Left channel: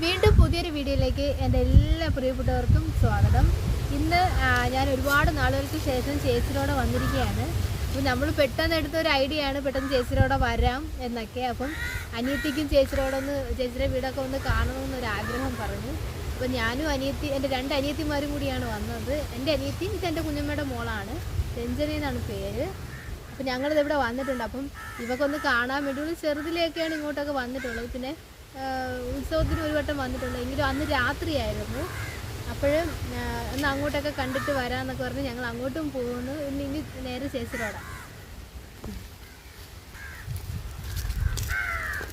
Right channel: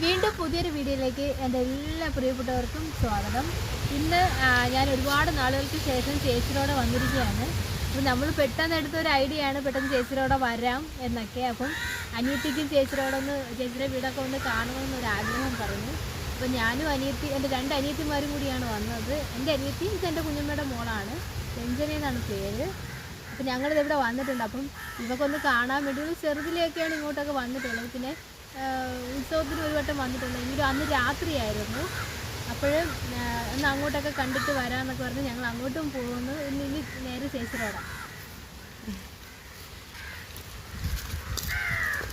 വീണ്ടും പുതിയൊരു വീഡിയോയിലേക്ക് എന്റെ എല്ലാ പ്രിയപ്പെട്ടവർക്കും സ്വാഗതം. ഇന്ന് ഞാൻ ഒരുപാട് നാളുകൾക്ക് ശേഷം ചേച്ചിയോടെ വന്നിരിക്കുകയാണ്. നമ്മൾ പെട്ടെന്ന് എടുത്ത ഒരു ഐഡിയ ആണ് പെട്ടെന്ന് ചേച്ചിയോടെ വരാം എന്നൊക്കെ. അപ്പം അനിയത്തിക്കും ചേച്ചിയോടെ ഒന്ന് ചേച്ചിയുടെ വീടൊക്കെ ഒന്ന് കാണണമെന്നൊരു ആഗ്രഹം പറഞ്ഞു അപ്പം ഞാനും അനിയത്തി എന്റെ രണ്ട് അനിയത്തിമാരും കൂടിയാണ് വന്നത്. എന്റെ അനിയത്തിയും ഇത് എന്റെ കുഞ്ഞമ്മയുടെ മോളാണ്. രഞ്ജന എന്നാണ് പേര്. അപ്പം ഞങ്ങളിത് ഇവിടെ വന്നിട്ടുണ്ട്. അപ്പം ഇവക്കൊന്ന് കാണാൻ വേണ്ടി ചെറുതിലേക്കാണ് ഇങ്ങോട്ടൊക്കെ വന്നിട്ടുള്ളത്. പിന്നെ ഉത്സവത്തിന് ഒരു വട്ടം വന്നിട്ടുണ്ട്. എങ്കിലും അന്ന് രാത്രിയായിരുന്നു. അപ്പോഴും ഒന്ന് അങ്ങോട്ടൊക്കെ കണ്ടിട്ട് വരാമെന്നൊക്കെ പറഞ്ഞ് ഞങ്ങൾ അങ്ങോട്ടും പോകുന്നു. ഇനി ഇനി നേരെ ചേച്ചിരോടാം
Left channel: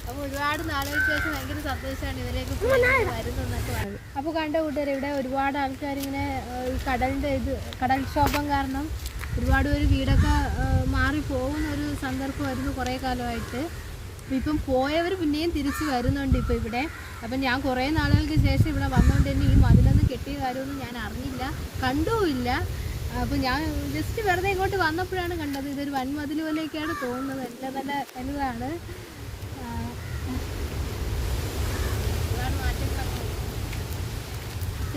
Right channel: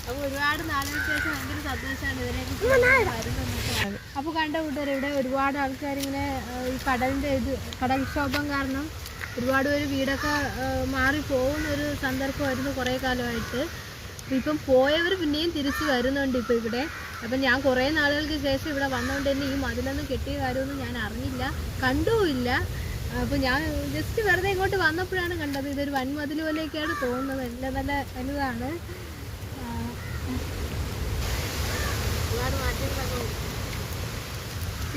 അപ്പോൾ ഒരുപാട് നാളുകൾക്ക് ശേഷം ഭയങ്കര സന്തോഷമാണ് ഇവരെയൊക്കെ വരുന്നതെന്നൊക്കെ അപ്പോൾ കണ്ട കൂട്ടുകാർ ഇവിടെ ഒരുപാട് ആൾക്കാർ ഇങ്ങനെ ഈ കടലിന്റെ ഇത് കടൽക്ഷോഭം കാരണം ഒരുപാട് പേര് വീടൊക്കെ മാറി പോകുന്ന ഒരു സന്ദർഭമായിരുന്നു കുറേ കാലമായിട്ട്. അപ്പോൾ ഇപ്പം പോയവർ പിന്നെയും തിരിച്ചു വരുന്നുണ്ട് ഇപ്പോൾ ഇവിടെ. അപ്പം ഞാൻ കുറേ നാളുകൾക്ക് ശേഷം ഇവിടെ വന്നുകൊണ്ട് തന്നെ ഈ മതിലൊന്നും കെട്ടിയ കാര്യമൊന്നും ഞാൻ അറിഞ്ഞില്ല. കണ്ടുമില്ല അപ്പോൾ ഞാൻ ജസ്റ്റ് വെറുതെ ഇങ്ങോട്ട് വന്നപ്പോഴാണ് കണ്ടത് ഇതൊരു വൻമതിൽ പോലെയൊക്കെയാണ് തോന്നുന്നത്. നല്ല നല്ല വലുതാണ്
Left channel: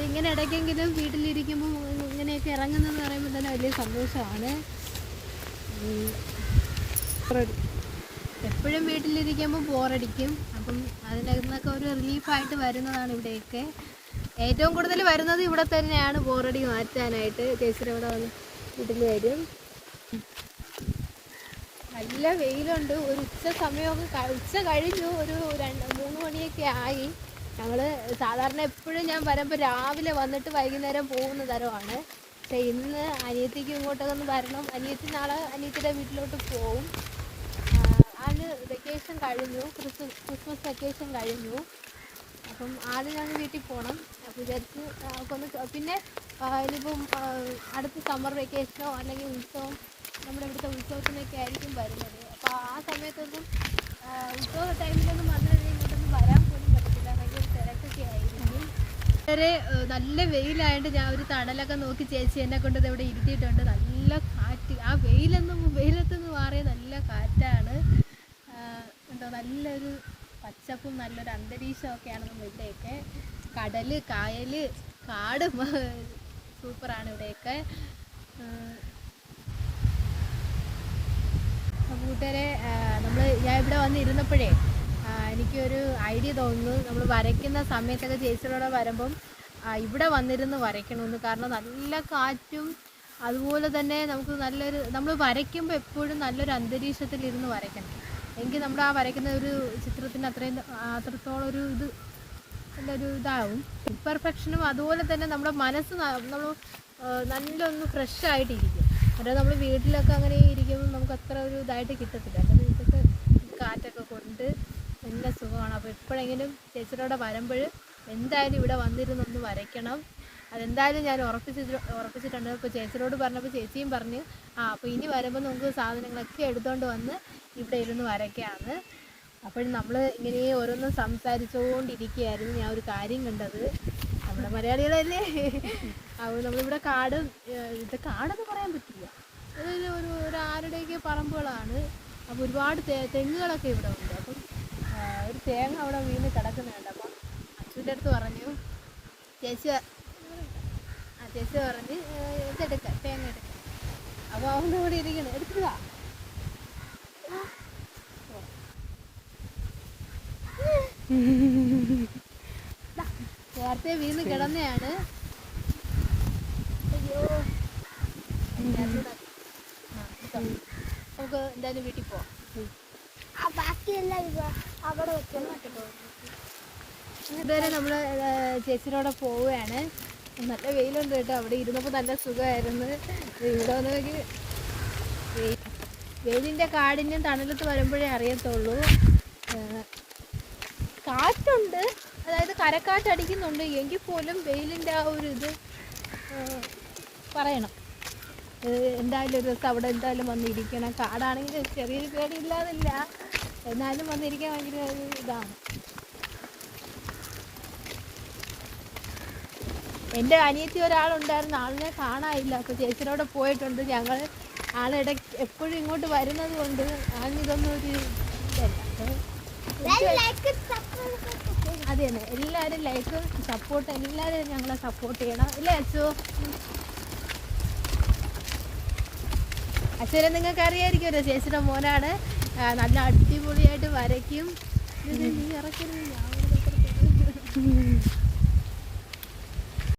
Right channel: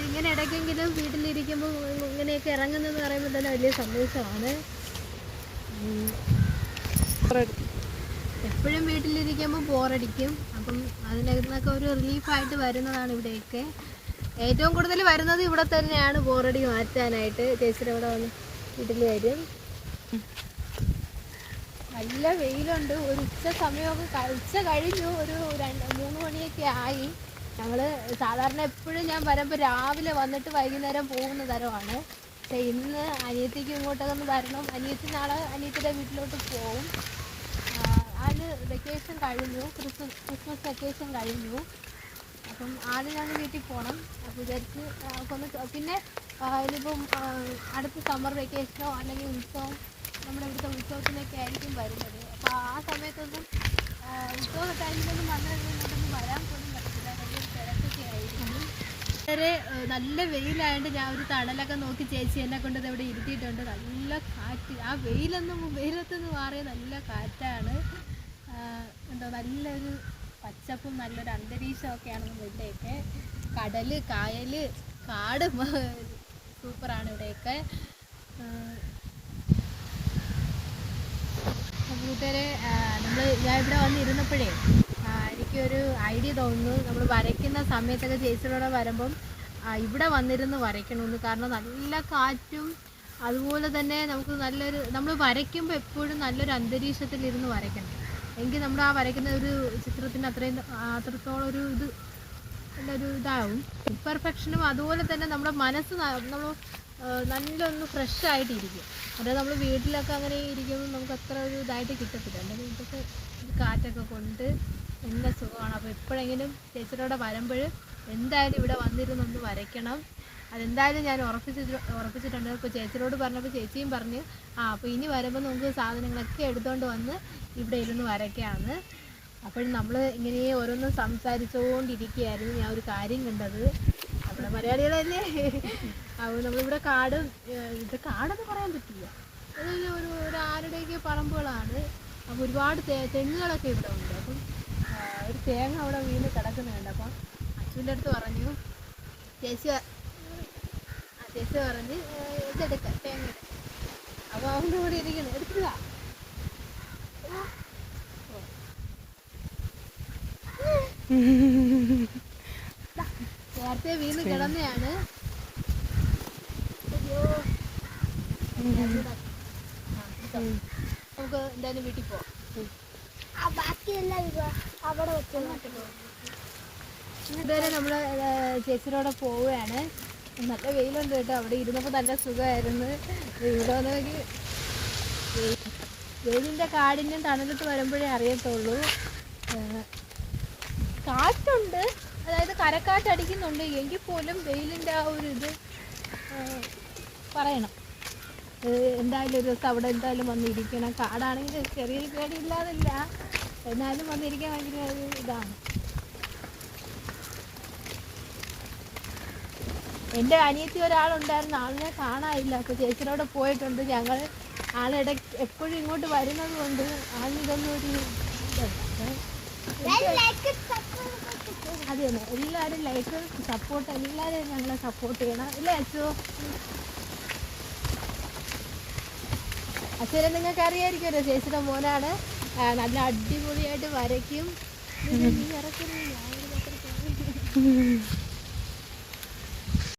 ഇങ്ങനെ ഇടയ്ക്കെങ്കിലും വീട്ടിലിരിക്കുമ്പോൾ ഇങ്ങനെയൊക്കെ ഇറങ്ങുന്നതെന്ന് പറയുമ്പോൾ തന്നെ വലിയ സന്തോഷമാണ്. എപ്പോഴും വീട്ടിലിരിക്കുമ്പോൾ ബോറടിക്കും. അപ്പം അതിനകത്തൊക്കെ ഒരു റിലീഫായിട്ട് വരുന്നതാണ് ഇവിടെയൊക്കെ. ഏറ്റവും കൂടുതൽ വരുന്നത് ഇവിടെ തന്നെയാണ് ബോറടി മാറ്റാനായിട്ട്. കേസരി ഇവിടെ വന്ന് വീട്ടിൽ വരും. നല്ല വെയിലുണ്ട്. ഒരു ഉച്ച സമയമൊക്കെ ഉച്ച കഴിഞ്ഞു. ഒരു രണ്ട് മൂന്ന് മണിയൊക്കെ ആയി. ഞങ്ങൾ സാധാരണ എപ്പോഴും ഞാൻ പറയുമ്പോൾ രാവിലെ വന്നിട്ട് വൈകുന്നേരം പോകുന്ന തരമാണ്. പക്ഷേ ഇന്ന് അനിയത്തിക്ക് ഇങ്ങോട്ടൊക്കെ ഒന്ന് വരണം. അനിയത്തി നാളെ അനിയത്തിയുടെ വീട്ടിലോട്ട് പോകും. ആൾ വെക്കേഷൻ കഴിഞ്ഞു ക്രിസ്മസ് ക്രിസ്മസ് വെക്കേഷൻ കഴിഞ്ഞു. അപ്പം ആദ്യം ഞാൻ വീട്ടിൽ പോകണം വിചാരിച്ച് കൊണ്ട് പിന്നെ ഇതിപ്പം അടുത്ത സമ്മർ വെക്കേഷനോ അല്ലെങ്കിൽ ഉത്സവം നമ്മുടെ ഇവിടുത്തെ ഉത്സവത്തിനൊക്കെ ആയിരിക്കും വരുന്നത്. അപ്പോൾ ആ സമയത്തൊന്നും ഉത്സവ ടൈമിലൊന്നും നല്ല ഇങ്ങോട്ടൊന്നും വരാൻ പോലും പറ്റില്ല ഭയങ്കര തിരക്കൊക്കെ ആയിരിക്കും. വളരെ നല്ല വെയിലായതുകൊണ്ട് ഞാൻ ഒരു തണലൊക്കെ നോക്കി ചേച്ചി എന്നെ കൊണ്ട് ഇവിടെ ഇരുത്തിയിട്ടുണ്ട്. നല്ല കാറ്റ്. ആ വെയിലൊന്നും വെയിലത്തൊന്നും മാറിയ നല്ല കാറ്റാണ്. എന്താ നല്ലൊരു പച്ചപ്പും നല്ലൊരു അന്തരീക്ഷമൊക്കെയാണ് നമ്മുടെ ഇവിടെയൊക്കെ കടൽ കായൽ കാട് സൂപ്പറാണ് ഇവിടെയൊക്കെ. കൂട്ടുകാരെ നമ്മൾ ഞാൻ ഇവിടെ വന്നിരുന്നപ്പോഴേ എനിക്കൊരു ഐഡിയ തോന്നുന്നു. നമ്മൾ വരയ്ക്കുന്ന സമയത്തൊക്കെ ചേച്ചിയോടെ വരുമ്പം ഇവിടെ വന്നിരുന്ന് വരയ്ക്കണമെന്ന്. കാരണം നല്ല കാറ്റും അതുപോലെ തന്നെ നമുക്ക് നല്ലൊരു നമ്മൾ വരയ്ക്കുമ്പോൾ എപ്പോഴും നല്ലൊരു അന്തരീക്ഷത്തിൽ ഇരുന്ന് വരയ്ക്കണം. എങ്കിൽ നമ്മൾ ആ വരയ്ക്കുന്ന ഒരു ചിത്രത്തിന് അത്രയും അത്രത്തോളം ഒരു ഇത് ഒരു ഇതാവും. പെർഫെക്ഷനും അതുപോലെ തന്നെ നമ്മുടെ മനസ്സ് നമ്മൾ നല്ലൊന്ന് ഫ്രഷ് ആയിട്ടിരിക്കും. അതായത് നമ്മൾ വീട്ടിലൊക്കെ അങ്ങനെ ഇരിക്കുമ്പോൾ നമുക്ക് അത്ര ഒരു ഇതായിട്ട് കിട്ടത്തില്ല. നമ്മുടെ വീട്ടിലൊക്കെ കാറ്റൊക്കെ കൊണ്ട് നല്ല സുഖമാണ്. അപ്പോൾ എപ്പോഴെങ്കിലും ടീച്ചറോടെ വരുമ്പോൾ എന്തായാലും ഇവിടെ വന്നിരുന്നൊന്ന് വരയ്ക്കണം. അതെന്തായാലും ഞാൻ ഉറപ്പിച്ചിട്ട് ഉറപ്പിച്ചിട്ടുണ്ട്. ഇപ്പോൾ ചേച്ചിയോട് പറഞ്ഞപ്പോൾ ചേച്ചിയും പറഞ്ഞു ആ അപ്പോൾ ഇനി വരുമ്പോൾ നമുക്ക് സാധനങ്ങളൊക്കെ എടുത്തുകൊണ്ട് വന്ന് ഇവിടെ ഇരുന്ന് വരയ്ക്കാമെന്ന് അപ്പോൾ നമ്മൾ ഇങ്ങനെ ഓരോന്നും സംസാരിച്ചുകൊണ്ടിരിക്കുകയായിരുന്നു ഞാൻ ഒരു കാര്യം കണ്ടത് നമ്മുടെ മലയാളികളല്ലേ? അപ്പോൾ നമ്മളിവിടെ കാട് ഇത് കാടെന്ന് പറയാൻ പറ്റില്ല. ഒരു ഒരു ആരുടെയൊക്കെ പറമ്പുകളാണ്. അപ്പോൾ ഒരുപാട് തേ- തെങ്ങുകളൊക്കെ ഇവിടെ ഉണ്ട്. അപ്പം ഒരു തേങ്ങ അവിടെ വീണ് കിടക്കുന്നുണ്ട്. അപ്പം അച്ഛന്റെ അടുത്ത് പറഞ്ഞു ചേച്ചി ചേച്ചി പറഞ്ഞ് ഇതെടുക്കാം തേങ്ങ എടുക്കാം. അപ്പോൾ അവന്റെ കൂടി ഇരിക്കുന്നു. എടുക്കുക നേരത്തെ വീണ് കിടന്നയാണ്. അയ്യോ. നമുക്ക് എന്തായാലും വീട്ടിൽ പോവാം. ബാക്കിയെല്ലാം അവിടെ വെച്ചാൽ ഇതുവരെ നമ്മൾ ചേച്ചിയോടെ പോവുകയാണ്. നല്ല വെയിലുണ്ട് കേട്ടോ. അവിടെ ഇരുന്നപ്പോൾ നല്ല സുഖമായിരുന്നു. ഇവിടെ വെയിലിന്റെ കാടിന്റെ തണലത്ത് വരുമ്പോഴേ അറിയത്തുള്ളൂ. കാറ്റുണ്ട്. അതായത് കരക്കാറ്റ് അടിക്കുന്നുണ്ട്. എങ്കിൽ പോലും വെയിലിന്റെ ആ ഒരു ഇത് പറയണം. എന്തായാലും ഒരു ദിവസം അവിടെ എന്തായാലും വന്നിരിക്കണം. കാടാണെങ്കിൽ ചെറിയ പേടിയില്ലാതില്ല. എന്നാലും വന്നിരിക്കാൻ ഭയങ്കര ഒരു ഇതാണ്. എന്റെ അനിയത്തി ഒരാളുണ്ടായിരുന്നു. ആളിനെ കാണാനില്ല. അപ്പോൾ ചേച്ചിനോട് പോയിട്ടുണ്ട്. ഞങ്ങൾ ആളിട എപ്പോഴും ഇങ്ങോട്ട് വരുന്നത് കൊണ്ട് ആളിനിതൊന്നും ഒരു അത് തന്നെ എല്ലാവരും ലൈക്ക് സപ്പോർട്ട് എല്ലാവരും ഞങ്ങളെ സപ്പോർട്ട് ചെയ്യണം. ഇല്ലേ അച്ചു? അച്ഛനെ നിങ്ങൾക്ക് അറിയായിരിക്കുമല്ലോ ചേച്ചിയുടെ മോനാണ്. നല്ല അടിപൊളിയായിട്ട് വരയ്ക്കും. ഇത്